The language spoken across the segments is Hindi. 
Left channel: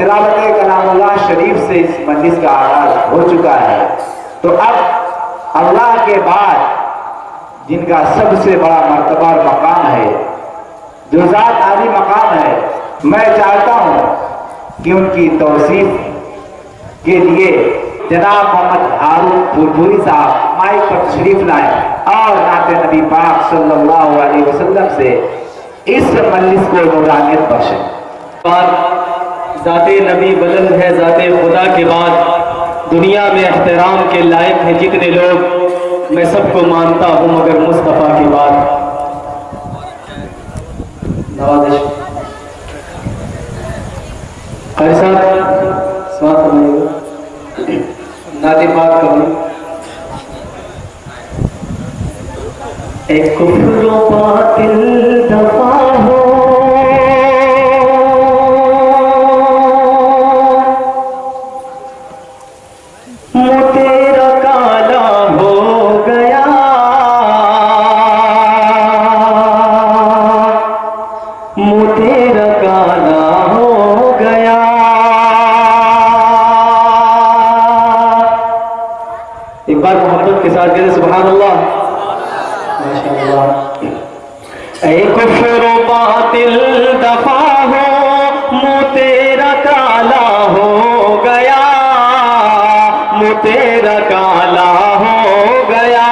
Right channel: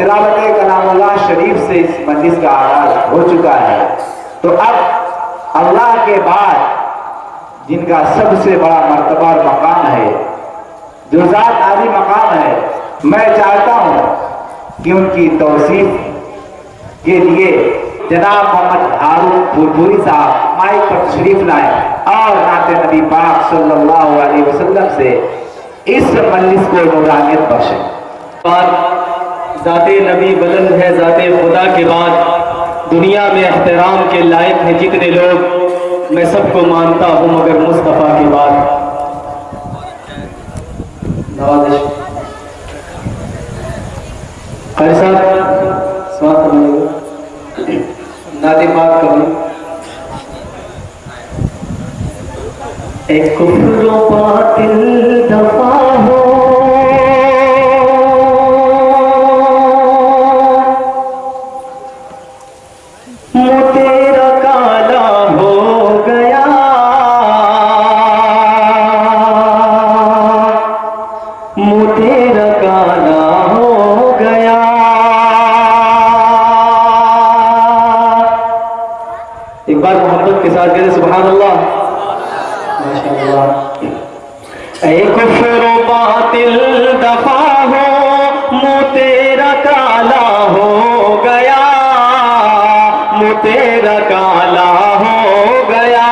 तिलावत कलामुल्लाह शरीफ से इस मजलिस का आगाज हो चुका है। तो अब अल्लाह के बाद जिनका सबसे बड़ा मर्तबा और मकाम है, जो ज़ात आली मकाम है, मैं चाहता हूँ कि उनकी तौसीफ के लिए जनाब मोहम्मद हारून फुरफुरी साहब माइक पर तशरीफ लाए और नाते नबी पाक सल्लल्लाहु अलैहि वसल्लम से इस मजलिस को नूरानियत बख्शें। ज़ाते नबी बुलंद है, ज़ाते खुदा के बाद दुनिया में एहतराम के लायक हैं जितने लोग, मैं सबको मानता हूँ मगर मुस्तफ़ा के बाद। नवाज़िश कारी साहब स्वागत करिएगा, नाते पाक करें। एक कुफ्र बातिल दफा हो, मुँह तेरा काला हो गया, मुँह तेरा काला हो गया। एक बार मोहब्बत के साथ कहते सुभान अल्लाह, माशाअल्लाह। ऐ कुफ्र बातिल दफा हो, मुँह तेरा काला हो गया, मुँह तेरा काला हो गया।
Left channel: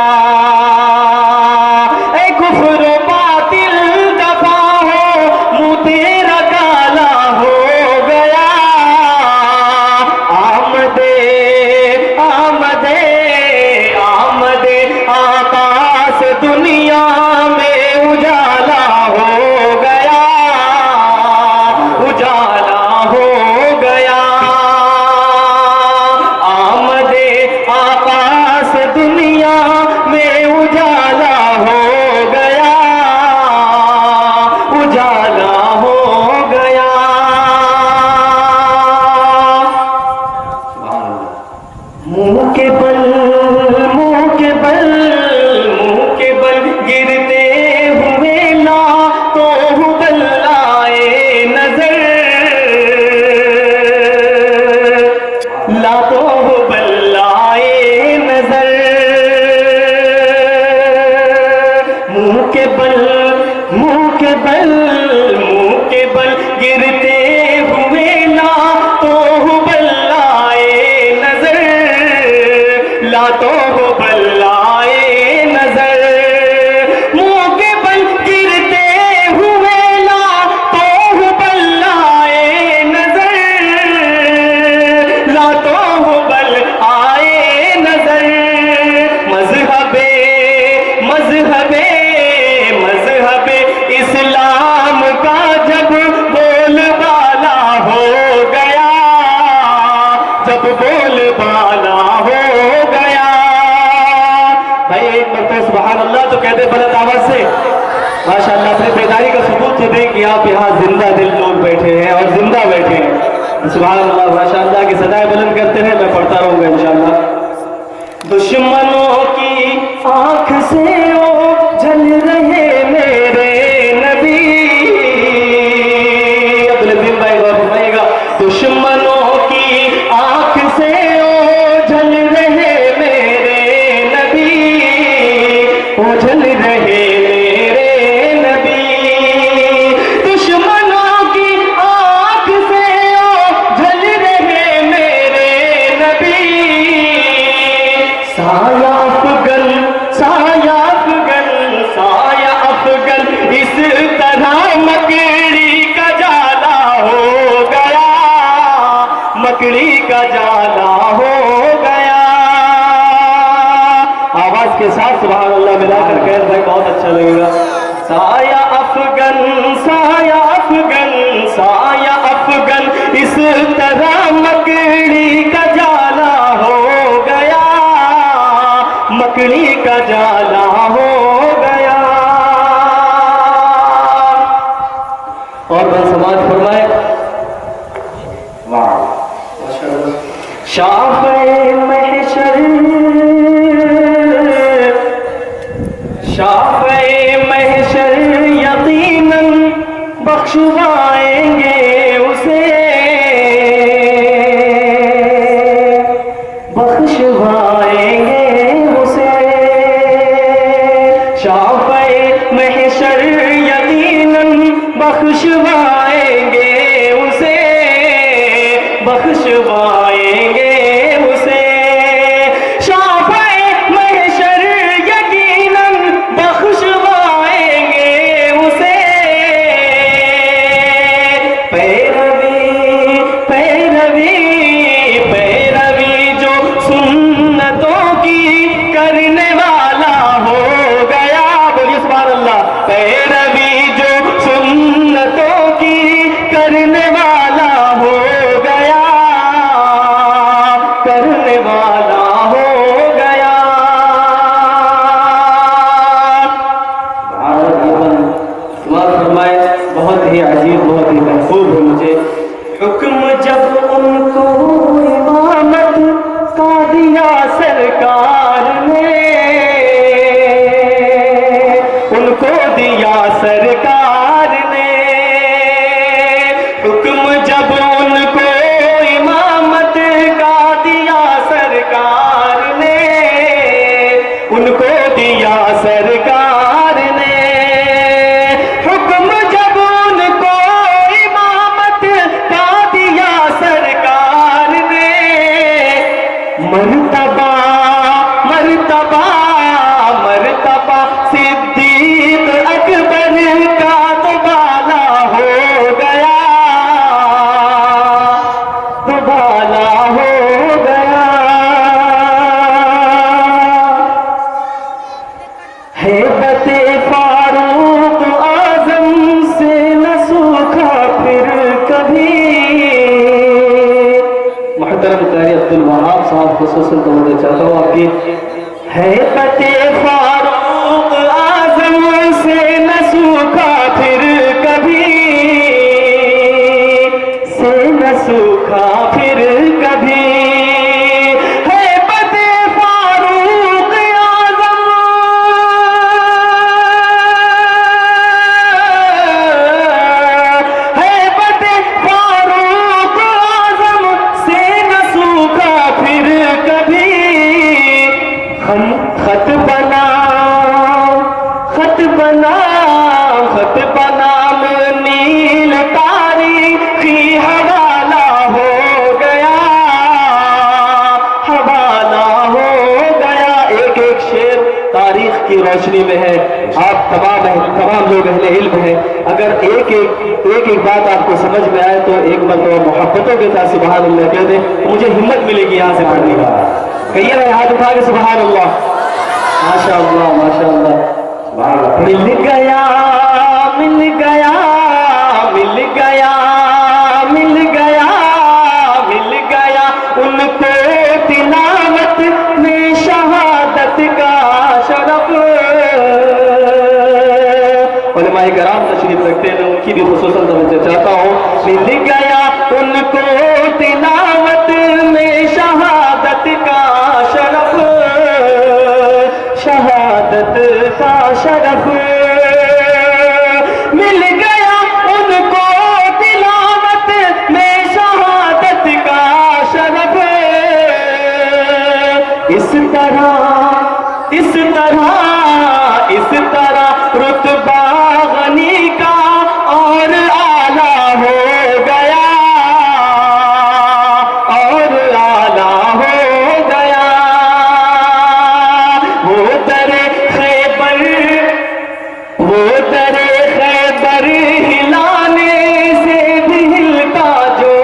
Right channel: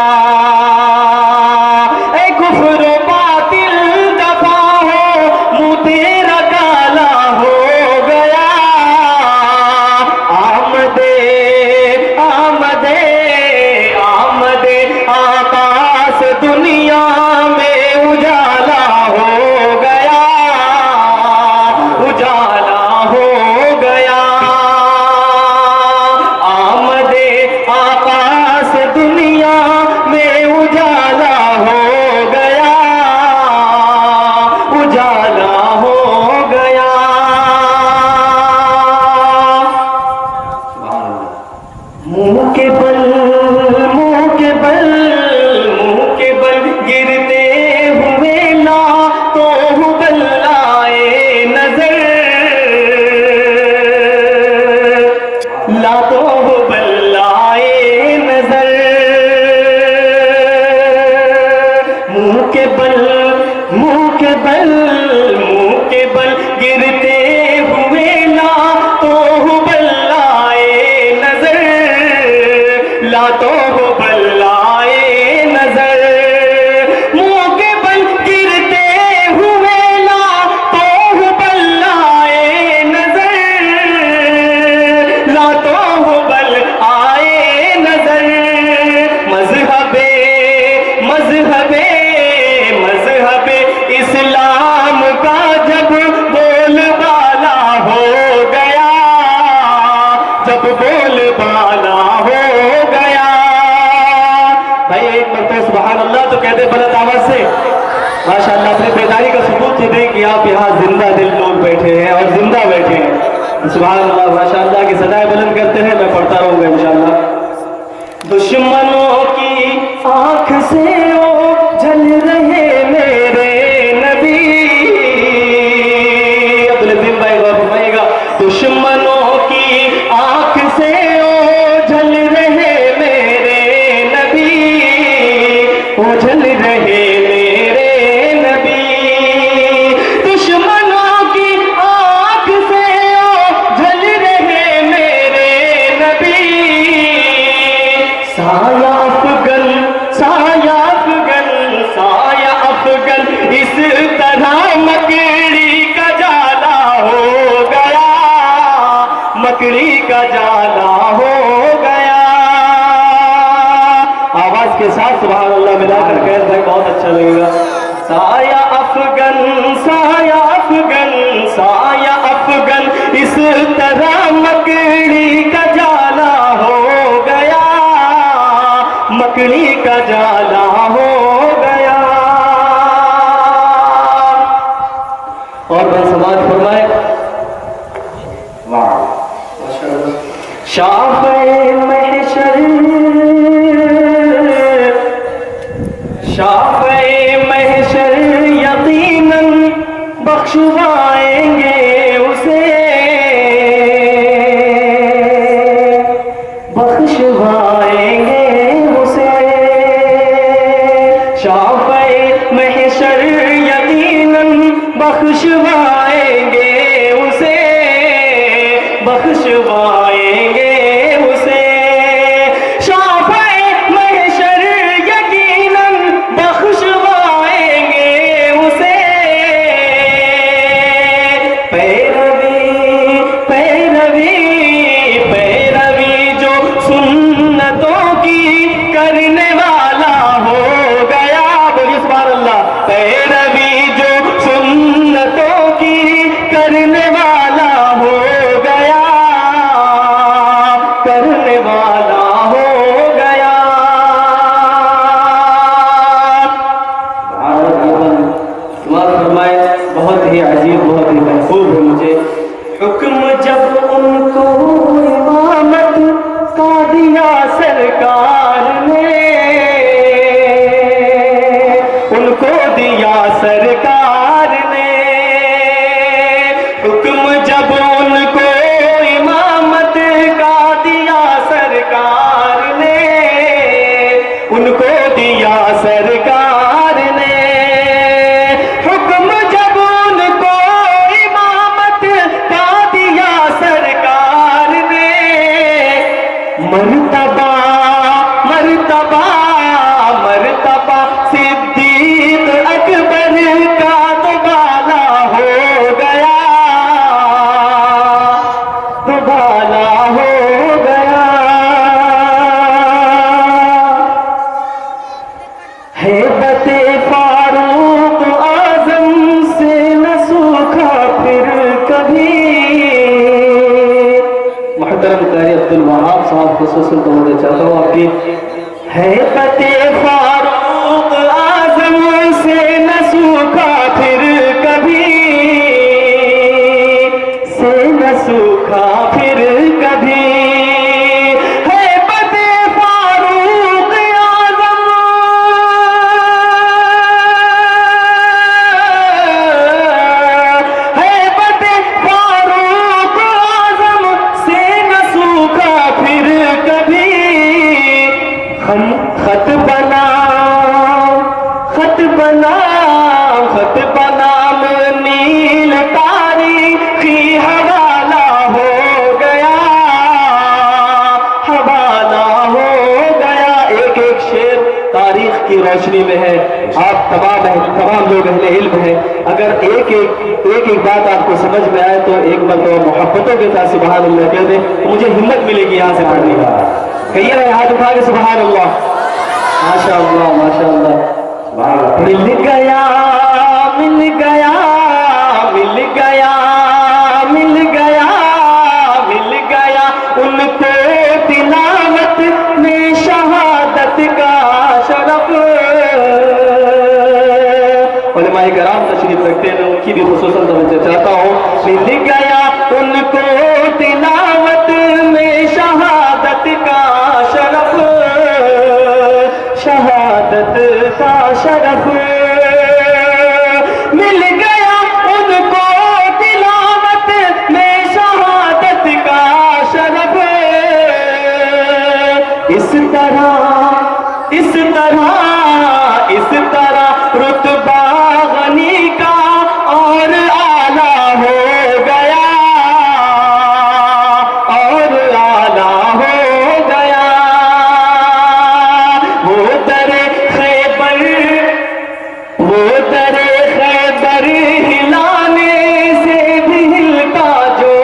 ऐ कुफ्र बातिल दफा हो, मुँह तेरा काला हो गया। आमदे आमदे आमदे आकाश दुनिया में उजाला हो गया, उजाला हो गया। आमदे आकाश दुनिया में उजाला हो गया, उजाला हो गया। मुंह के बल मुंह के बल मुंह के बल गिरते हुए ला तो बल्लाए नजर, ला तो बल्लाए नजर। मुंह के बल मुंह के बल मुंह के बल गिरते हुए ला तो बल्लाए नजर, ला तो बल्लाए नजर। मुंह के बल गिरते हुए ला तो बल्लाए नजर, ला तो बल आए नजर। मजहबे मजहबे मजहबे इस्लाम का जब बोलबाला हो गया, जब बोलबाला हो गया। भाई एक मरतबा सुभान अल्लाह तो कहते बुलंद आवाज से माशाअल्लाह। अपनी बेदारी का सबूत तो दें कि आप यहाँ जिंदा दिल लोग बैठे हैं और जिंदा बैठे हैं। सुभान अल्लाह माशाअल्लाह की सदाएं बुलंद करते हैं, मैं पढ़ता रहूंगा इंशाअल्लाह। दुश्मनों की आंख से ओझल रहे मेरे नबी, अब्दुल भाई गौर फरमाइएगा। दुश्मनों की आंख से ओझल रहे मेरे नबी, ओझल रहे मेरे नबी। दुश्मनों की आंख से ओझल रहे मेरे नबी। साया अफगन साया अफगन साया अफगन इस तरह मकड़ी का जाला हो गया, मकड़ी का जाला हो गया। आवाज के साथ सुभान अल्लाह मिलाकर कह रहे, बहुत अच्छा लगेगा। साया अफगन साया अफगन साया अफगन इस तरह मकड़ी का जाला हो गया, मकड़ी का जाला हो गया। और मैं समाज फरमाए वाह शाफ़े महशर शाफ़े महशर यकीनन बख्शवाएंगे उसे, बख्शवाएंगे उसे, शाफ़े महशर यकीनन बख्शवाएंगे उसे। पैरवी पैरवी पैरवी जो सुन्नतों की करने वाला हो गया, बोलिए सुभान अल्लाह। पैरवी जो सुन्नतों की करने वाला हो गया, करने वाला हो गया। फरमाए बहुत ही अजीब, बहुत ही महबूब है मुझे। हुक्म जब उनको इमामत का दिया सरकार ने, उनको दिया सरकार ने। हुक्म जब उनको इमामत का दिया सरकार ने, उनको दिया सरकार ने। हुक्म जब उनको इमामत का दिया सरकार ने, मर्तबा मर्तबा मर्तबा सिद्दीक अकबर का दुबाला हो गया, दुबाला हो गया। हैबते फारूक आजम से न सूखा फिर कभी। मोहतरम कारी अब्दुल वहाब साहब खुसूसन तो मुझे चाहता हूँ आपकी हैबते फारूक आजम से न सूखा फिर कभी, से न सूखा फिर कभी। हैबते फारूक आजम, हैबते फारूक आजम से न सूखा फिर कभी। खत बना खत बना खत बनाम नील तारीखी हवाला हो गया, हवाला हो गया। एक एक शेर तारीख की रोशनी में है। आप तमाम लोग अहले इल्म हैं, अगर एक एक बात आपको समझ में आए तो एक मरतबा मोहब्बतों के साथ सुभान अल्लाह कह दे, तो मुझे हिम्मत मिलेगी यहाँ से पढ़ने का। कहिए ना हाथ उठा के सुभान अल्लाह। माशा अल्लाह माशा अल्लाह। मिल गया मिल गया मिल गया मिल गया मिल गया उनको तिलावत में शहादत का शरफ। उलमाए कराम तशरीफ रखते हैं, उनकी भी खुसूसन तवज्जो चाहता हूँ। मिल गया उनको तिलावत में शहादत का शरफ, शहादत का शरफ। मिल गया उनको तिलावत में शहादत का शरफ। इस तरह इस तरह इस तरह रुतबा गनी का और आला हो गया, और आला हो गया। वो दरे खैबर हिलाने से भी हिलता जो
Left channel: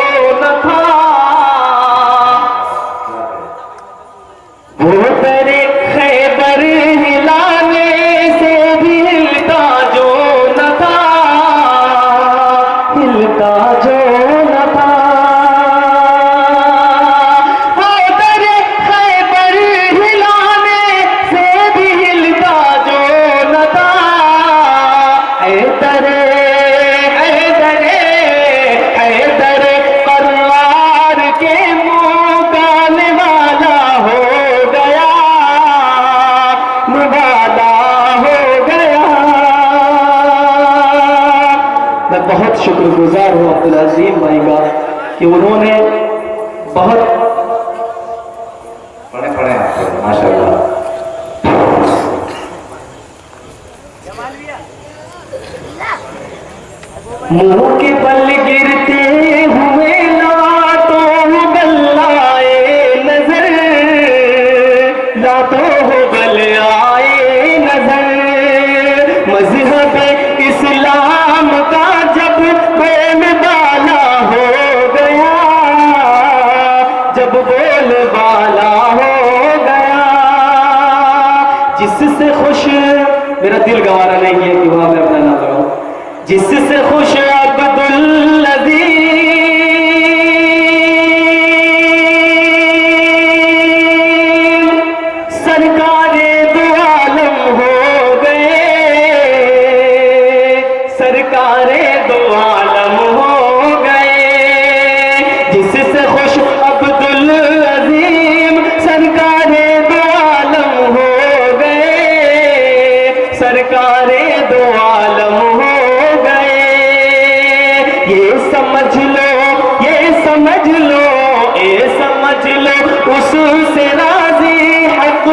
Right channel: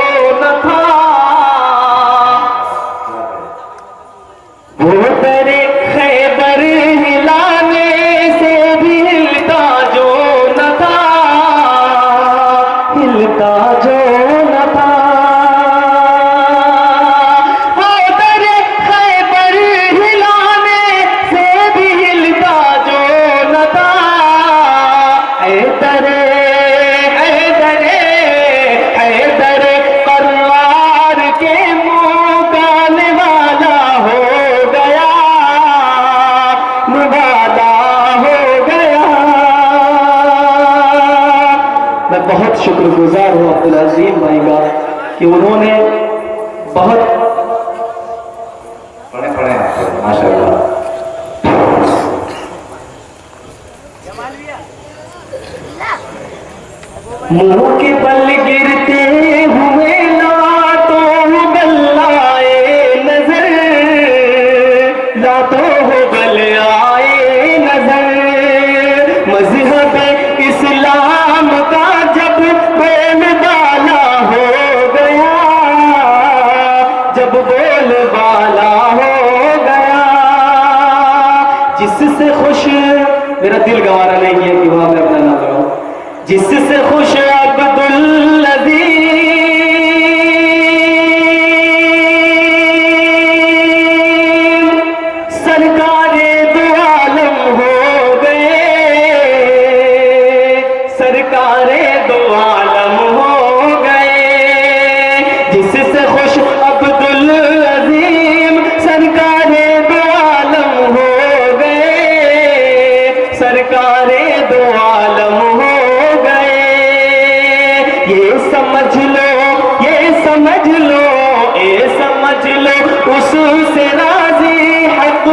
न था। वो दरे खैबर हिलाने से भी हिलता जो न था, हिलता जो न था। वो दरे खैबर हिलाने से भी हिलता जो न था। हैदरे करवार के मुँह का निवाला हो गया, निवाला हो गया। मैं बहुत शुक्रगुजार हूँ अब्दुल अजीम भाई का कि उन्होंने बहुत पढ़े माशाअल्लाह। मुंह के बल गिरते हुए लातों जिससे खुश, मेरा दिल गवारा नहीं है कि वहां मैं अपना नाम लगाऊं, जिससे खुश अब्दुल अजीज सरकारे दो आलम हो गए, सरकारे दो आलम हो गए, जिससे खुश अब्दुल अजीम सरकारे दो आलम हो गए, सरकारे दो आलम हो गए। ये समझ लो, ये समझ लो, ये समझ लो, उससे राजी हक